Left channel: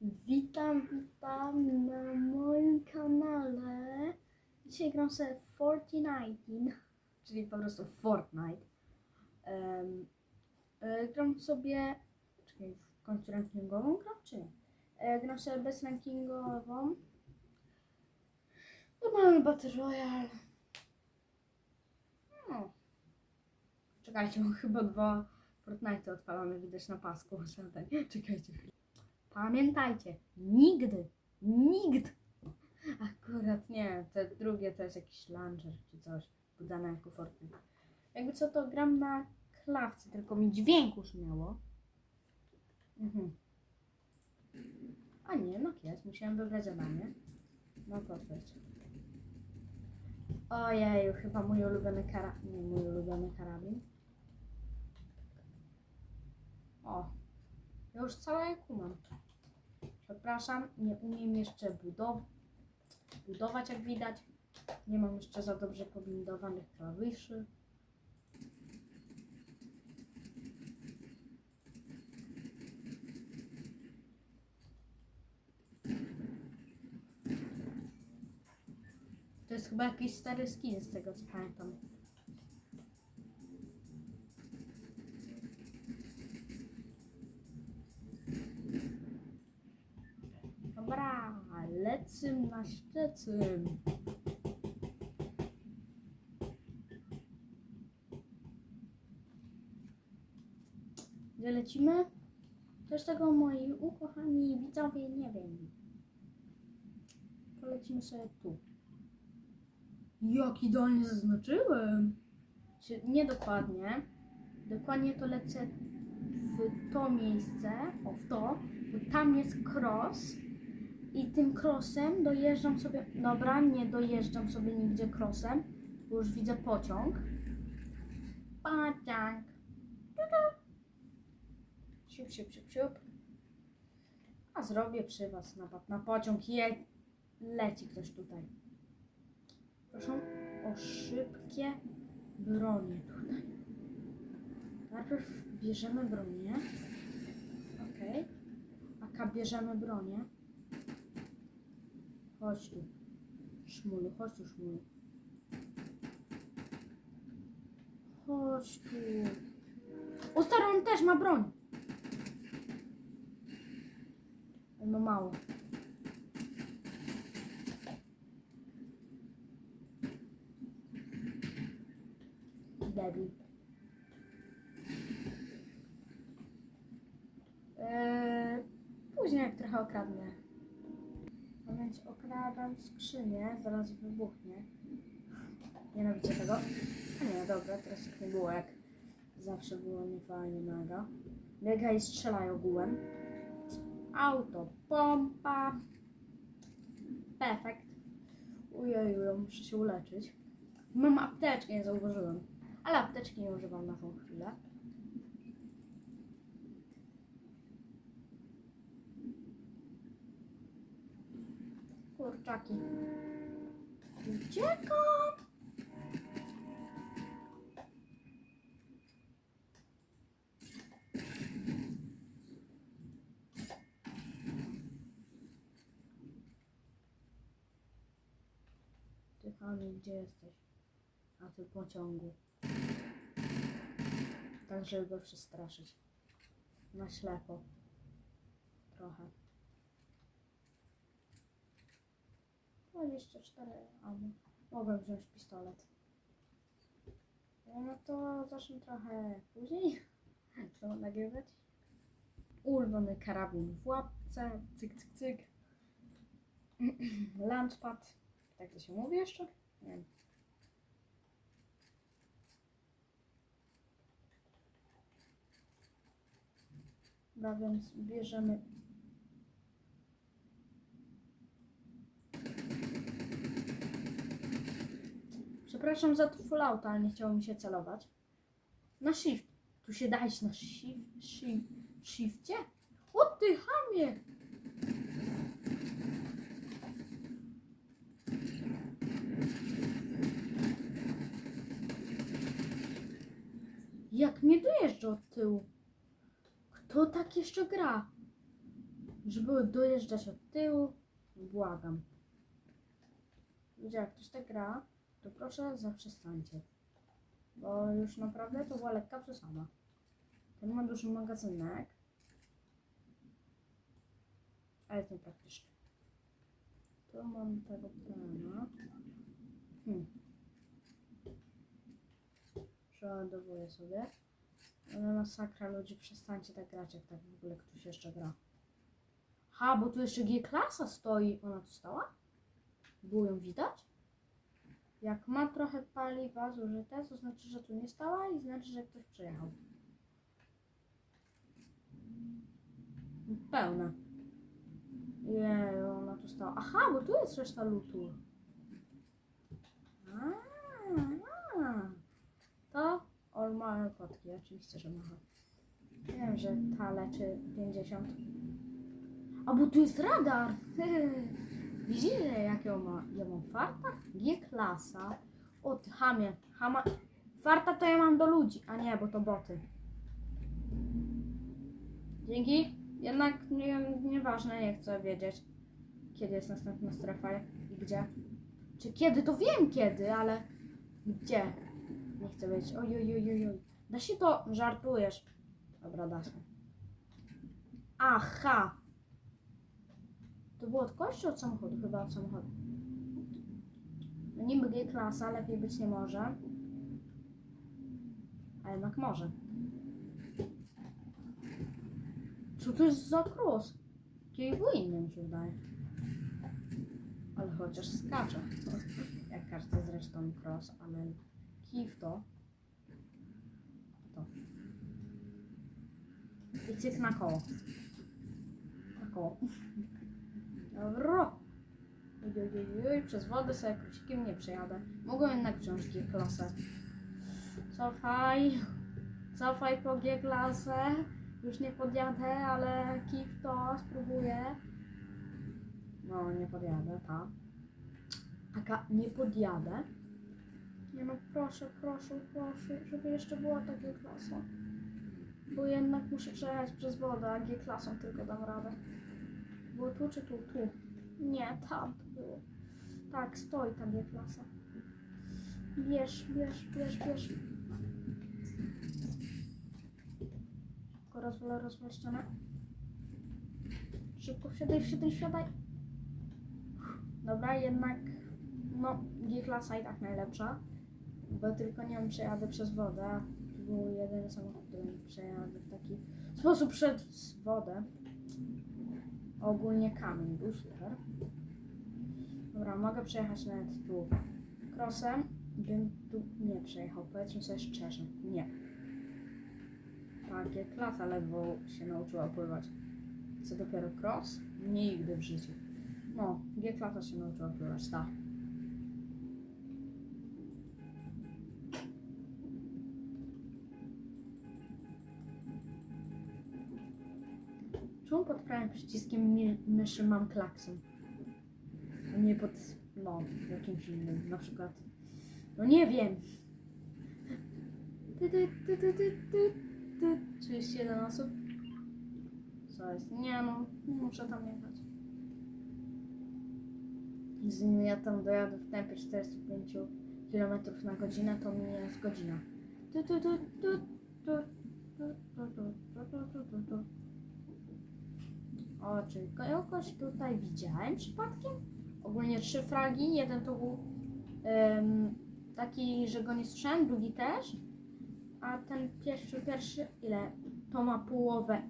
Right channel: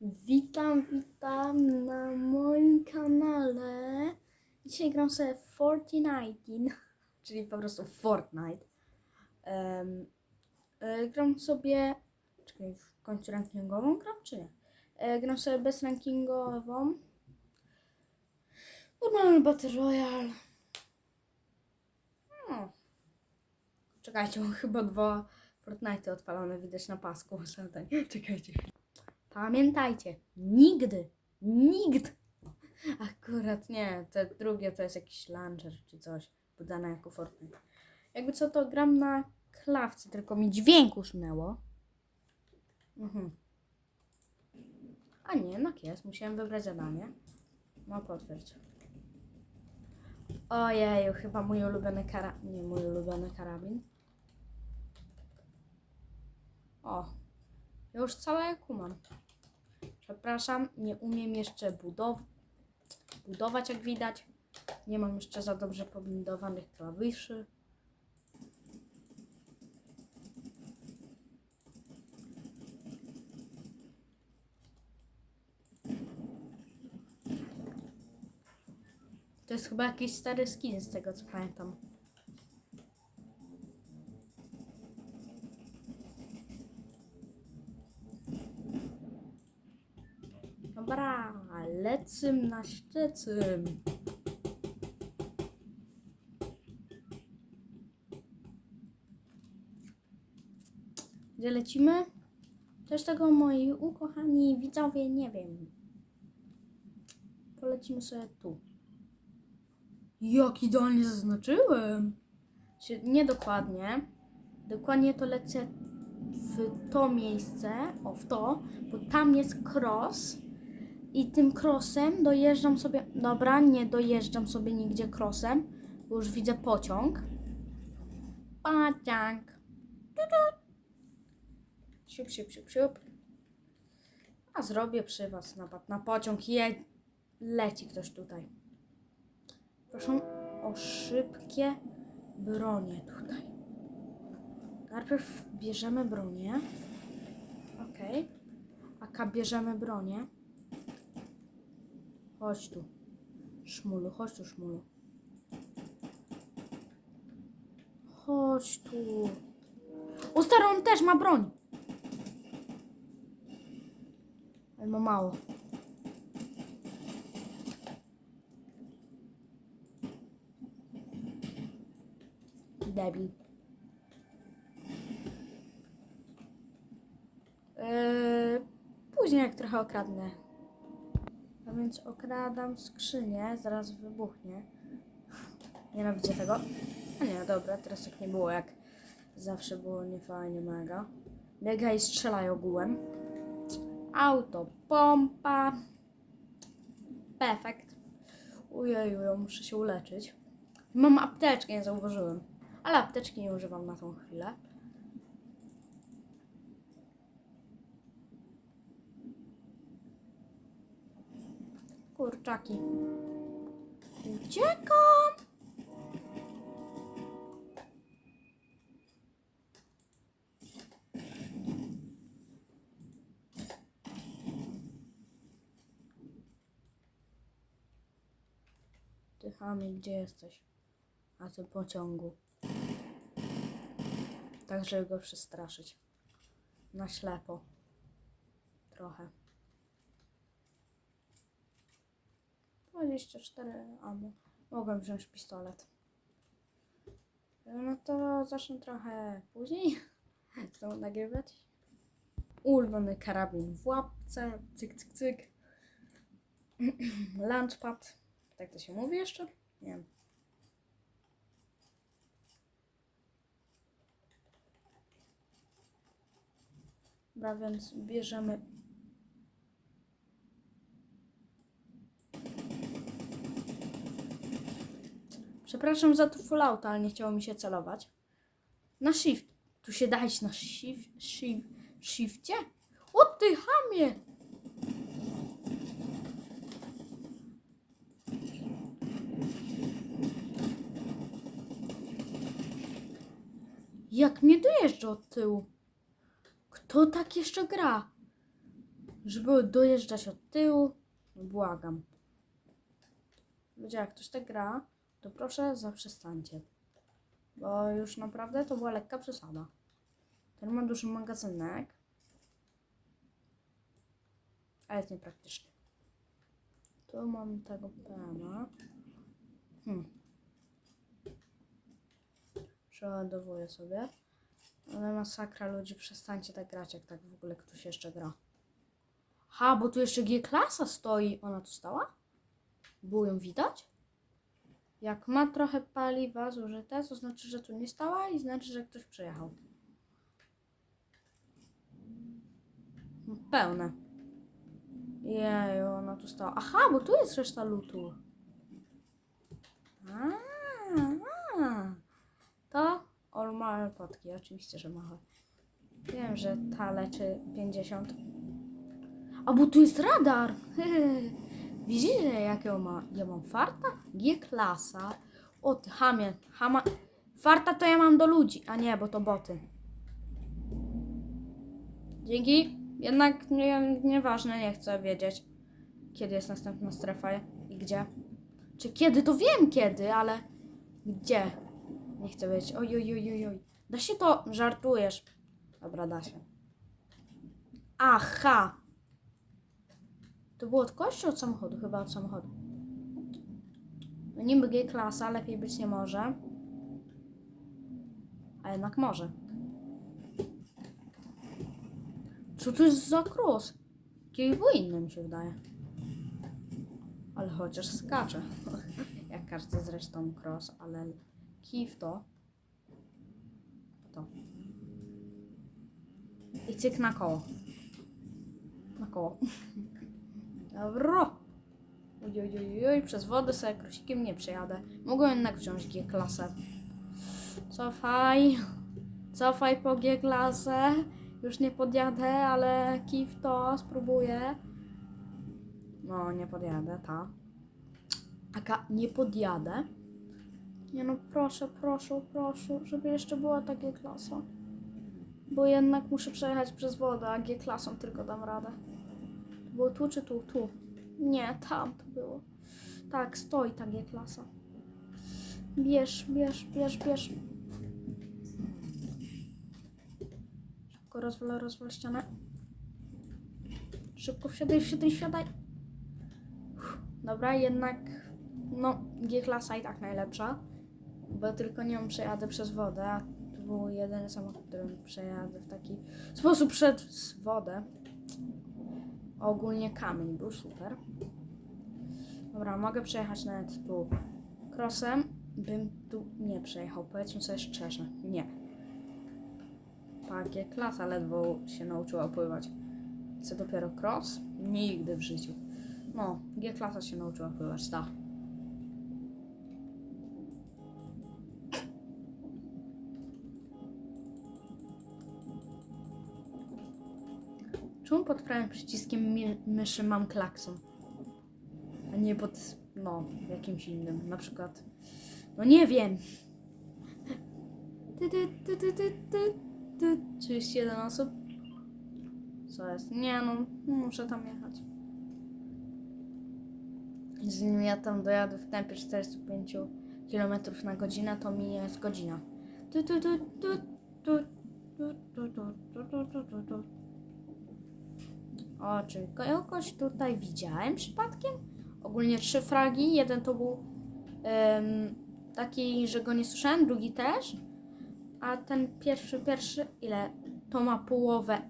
Witam, witam na moim kanale. Dzisiaj gram sobie Fortnite, czyli po prostu Fortnite. Um, e, gram sobie. Czekaj, w końcu rankingową gram, czy nie? E, gram sobie bez rankingową. Normalny Battle Royale. No. Czekajcie, mam chyba dwa Fortnite odpalone, widać na pasku. Czekajcie. Pamiętajcie, nigdy, nigdy. Akurat nie, te drugie to jest jakiś launcher czy coś, podane jako Fortnite. Jakby co to gram na klawce, tylko mi dźwięk usunęło. Mhm. A nie, jednak jest, musiałem wybrać zadanie. No potwierdź. Ojeju, chyba mój ulubiony karabin, nie mój ulubiony karabin. O, ja już całe kumam. Przepraszam, nie umiem jeszcze budow budować, jak widać. Nie mam jeszcze za dobrze pobindowanych klawiszy. To jest chyba jakiś stary skin z tego co pamiętam. Lecym na Szczecin. Gdzie lecimy? Też tego moi ukochani widzowie nie wiem. Polecimy sobie tu. Jak idealnie zaznaczyłem. Czy nie dokładnie. Dokładnie to lecę w to miejsce, o w to, bo tam jest cross i tym crossem dojeżdżam sobie, dobra, nie dojeżdżam sobie nigdzie crossem, bo już widzę pociąg. Pociąg. Siup, siup, siup, siup. A zrobię przy was napad na pociąg. Je... Leci ktoś tutaj. Proszę o szybkie bronie tutaj. Najpierw bierzemy bronię. Okej. Aka bierzemy bronię. Chodź tu. Szmulu, chodź tu, szmulu. Chodź tu. O, stary, on też ma broń. Ale ma mało. Debil. Eee, później jak trochę okradnę. Więc okradam skrzynię, zaraz wybuchnie. Nienawidzę tego. A nie, dobra, teraz tak nie było jak zawsze było niefajnie mega. Mega i strzelaj ogółem. Auto, pompa. Perfekt. Ujeju, muszę się uleczyć. Mam apteczkę, nie zauważyłem. Ale apteczki nie używam na tą chwilę. Kurczaki. Uciekam! Ty chamy, gdzie jesteś? A ty pociągu. Tak, żeby go przestraszyć. Na ślepo. Trochę. 24 albo mogłem wziąć pistolet. No to zacznę trochę później to nagrywać. Ulubiony karabin w łapce, cyk, cyk, cyk. Launchpad, tak to się mówi jeszcze? Nie wiem. Więc bierzemy Przepraszam za to fallouta, ale nie chciało mi się celować. Na shift. Tu się dać na shift, shift, shifcie? O ty chamie! Jak mnie dojeżdża od tyłu? Kto tak jeszcze gra? żeby dojeżdżać od tyłu, błagam. Ludzie, jak ktoś tak gra, to proszę zaprzestańcie. Bo już naprawdę to była lekka przesada. Ten ma duży magazynek. Ale jest niepraktyczny. Tu mam tego plana. Hmm. Przeładowuję sobie. Ale masakra ludzi, przestańcie tak grać, jak tak w ogóle ktoś jeszcze gra. Ha, bo tu jeszcze G-klasa stoi. Ona tu stała? Było ją widać? Jak ma trochę paliwa zużyte, to znaczy, że tu nie stała i znaczy, że ktoś przyjechał. Pełne. Jeju, ona tu stała. Aha, bo tu jest reszta lutu. A, a. To on ma oczywiście, że ma. Wiem, że ta leczy 50. A bo tu jest radar! Widzicie, jakiego ma? Ja mam farta? G-klasa. O ty, hamie. Hama. Farta to ja mam do ludzi, a nie, bo to boty. Dzięki. Jednak nie, nieważne, nie chcę wiedzieć, kiedy jest następna strefa i gdzie. Czy kiedy, to wiem kiedy, ale gdzie? Nie chcę wiedzieć. Oj, oj, oj, oj. Da się to? Żartujesz. Dobra, da się. Aha. To było od kogoś czy od samochodu? Chyba od samochodu. No niby G-klasa, lepiej być nie może. A jednak może. Co to jest za cross? Jakiej był się wydaje. Ale chociaż skacze. Jak każdy zresztą cross, ale kij w to. To. I cyk na koło. Na koło. Oj, oj, przez wodę sobie krosikiem nie przejadę. Mogę jednak wziąć G-klasę. Cofaj. Cofaj po G-klasę. Już nie podjadę, ale kif to spróbuję. No, nie podjadę, ta. Aka, nie podjadę. Nie no, proszę, proszę, proszę, żeby jeszcze była ta G-klasa. Bo jednak muszę przejechać przez wodę, a G-klasą tylko dam radę. Było tu czy tu? Tu. Nie, tam to było. Tak, stoi ta G-klasa. Bierz, bierz, bierz, bierz. Szybko rozwal, rozwal ścianę. Szybko wsiadaj, wsiadaj, wsiadaj. Dobra, jednak no G-klasa i tak najlepsza. Bo tylko nią przejadę przez wodę. To był jedyny samochód, którym przejadę w taki sposób przez wodę. Ogólnie kamień był super. Dobra, mogę przejechać nawet tu crossem. Bym tu nie przejechał, powiedzmy sobie szczerze. Nie. Pakie klasa ledwo się nauczyła pływać. Co dopiero cross? Nigdy w życiu. No, G-klasa się nauczyła pływać, tak. Czemu pod prawym przyciskiem myszy mam klakson? A nie pod, no, jakimś innym, na przykład. No nie wiem. Ty, ty, ty, ty, ty, ty, ty. 31 osób. Co jest? Nie no, muszę tam jechać. Zanim ja tam dojadę w tempie 45 km na godzinę, to mi jest godzina. Tu, tu, tu, tu, tu, tu, tu, tu, tu, tu, tu, tu. O, czy kogoś tutaj widziałem przypadkiem? Ogólnie trzy fragi. Jeden to był em, taki, że go nie słyszałem, drugi też. A ten pierwszy, pierwszy, ile? To ma połowę.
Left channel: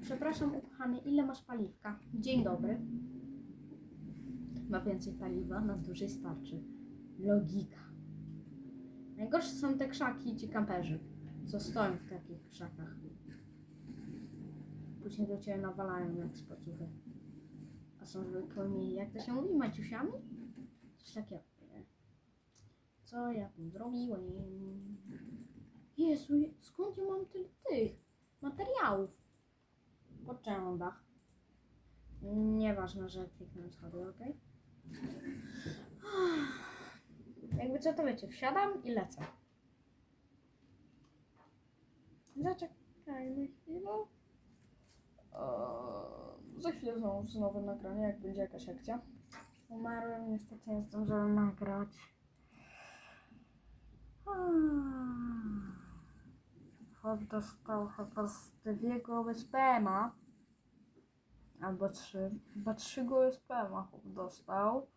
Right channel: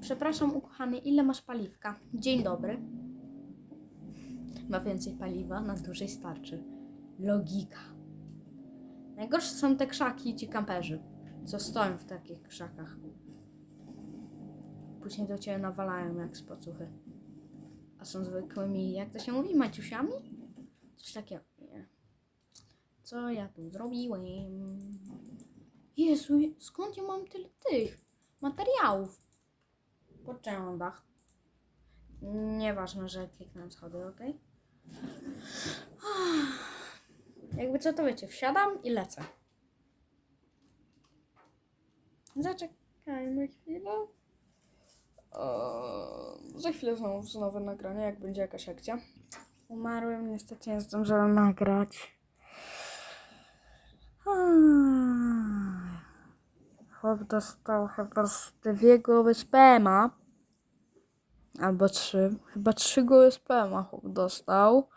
Przepraszam, ukochany, ile masz paliwka? Dzień dobry. Ma więcej paliwa, na dłużej starczy. Logika. Najgorsze są te krzaki i ci kamperzy, co stoją w takich krzakach. Później do ciebie nawalają jak z pocuchy. A są zwykłymi, jak to się mówi, maciusiami? Coś takiego. Nie. Co ja tu zrobiłem? Jezu, skąd ja mam tyle tych materiałów? Pociągach. Nieważne, że kliknąłem schody, ok? Jakby co to wiecie, wsiadam i lecę. Zaczekajmy chwilę. O, za chwilę znowu, znowu nagranie, jak będzie jakaś akcja. Umarłem, niestety nie zdążyłem nagrać. Chłop dostał chyba z dwie spema. Albo trzy. Chyba trzy głowy spema chłop dostał.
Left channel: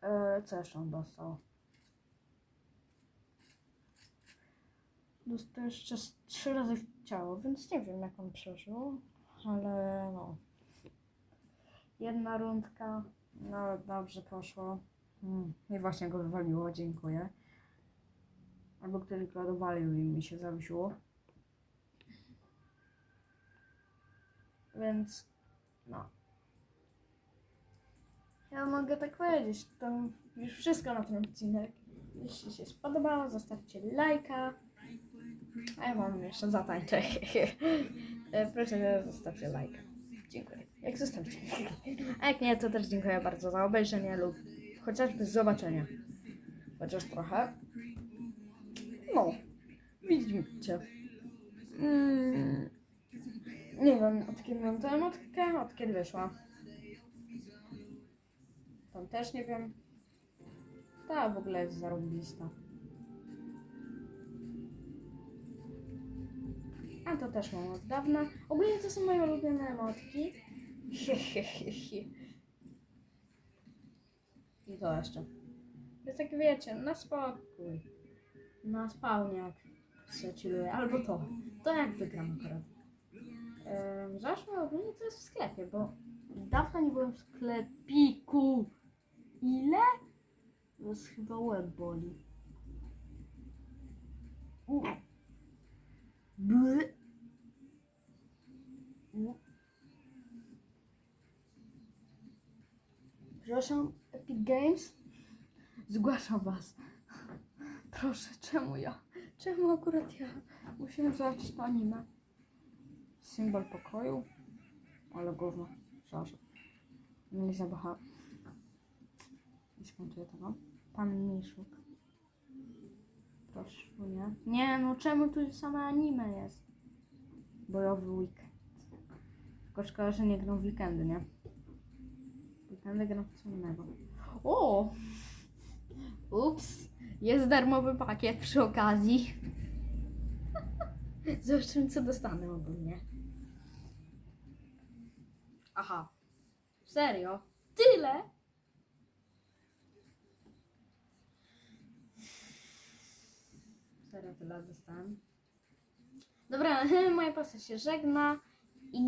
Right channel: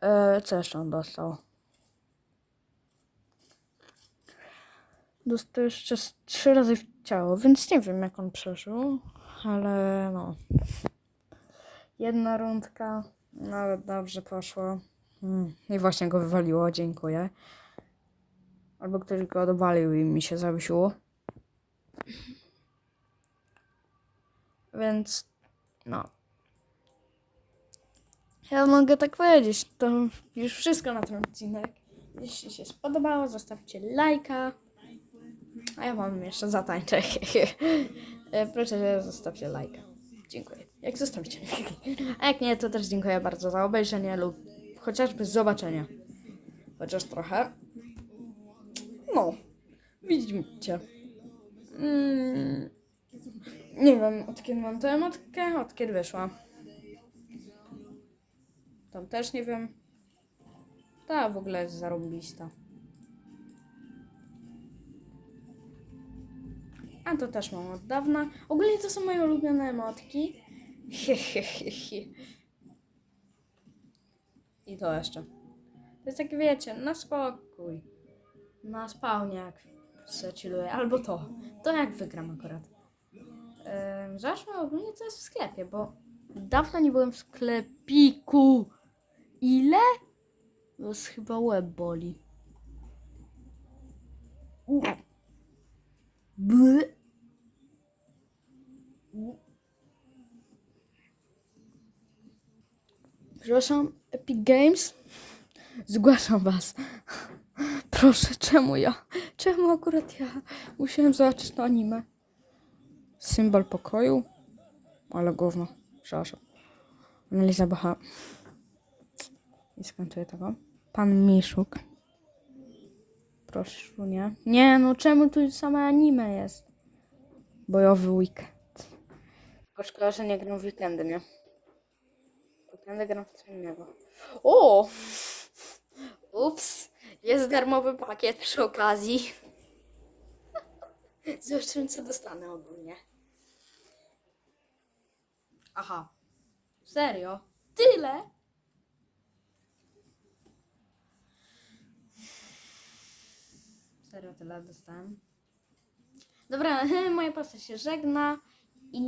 E, co jeszcze on dostał? Dostał jeszcze trzy razy w ciało, więc nie wiem jak on przeżył. Ale no. Jedna rundka. Nawet dobrze poszło. Mm, I właśnie go wywaliło, dziękuję. Albo ktoś go odwalił i mi się zawiesiło. Więc no. Ja mogę tak powiedzieć. To już wszystko na ten odcinek. Jeśli się spodobało, zostawcie lajka. A ja wam jeszcze zatańczę. E, Proszę, zostawcie lajka. Dziękuję. Jak zostawicie. A jak nie, to też dziękuję bardzo za obejrzenie lub chociażby zobaczenie. Chociaż trochę. No. Widzicie. Mm. Nie wiem, od kiedy mam tę emotkę, od kiedy wyszła. Tam też nie wiem. Ta w ogóle jest zarąbista. To też mam od dawna. Ogólnie to są moje ulubione emotki. I to jeszcze. To jest tak, wiecie, na spokój. Na spawniak se chilluję. Albo to. To jak wygram akurat. Zobaczmy ogólnie co jest w sklepie, bo dawno nie byłem w sklepiku. Ile? To jest chyba łeb boli. Bły. Przepraszam, Epic Games? Zgłaszam was. Proszę, czemu ja? Czemu akurat ja? Musiałem zobaczyć to anime. Symbol pokoju? Ale gówno. Przepraszam. Analiza Bacha. Nie skończyję tego. Pan Miszuk. Proszę, nie. Nie, no czemu tu same anime jest? Bojowy weekend. Tylko szkoda, że nie gram w weekendy, nie? Weekendy gram w co innego. O! Ups! Jest darmowy pakiet przy okazji. Zobaczymy, co dostanę ogólnie. Aha. Serio? Tyle? Serio, tyle dostałem. Dobra, moja postać się żegna i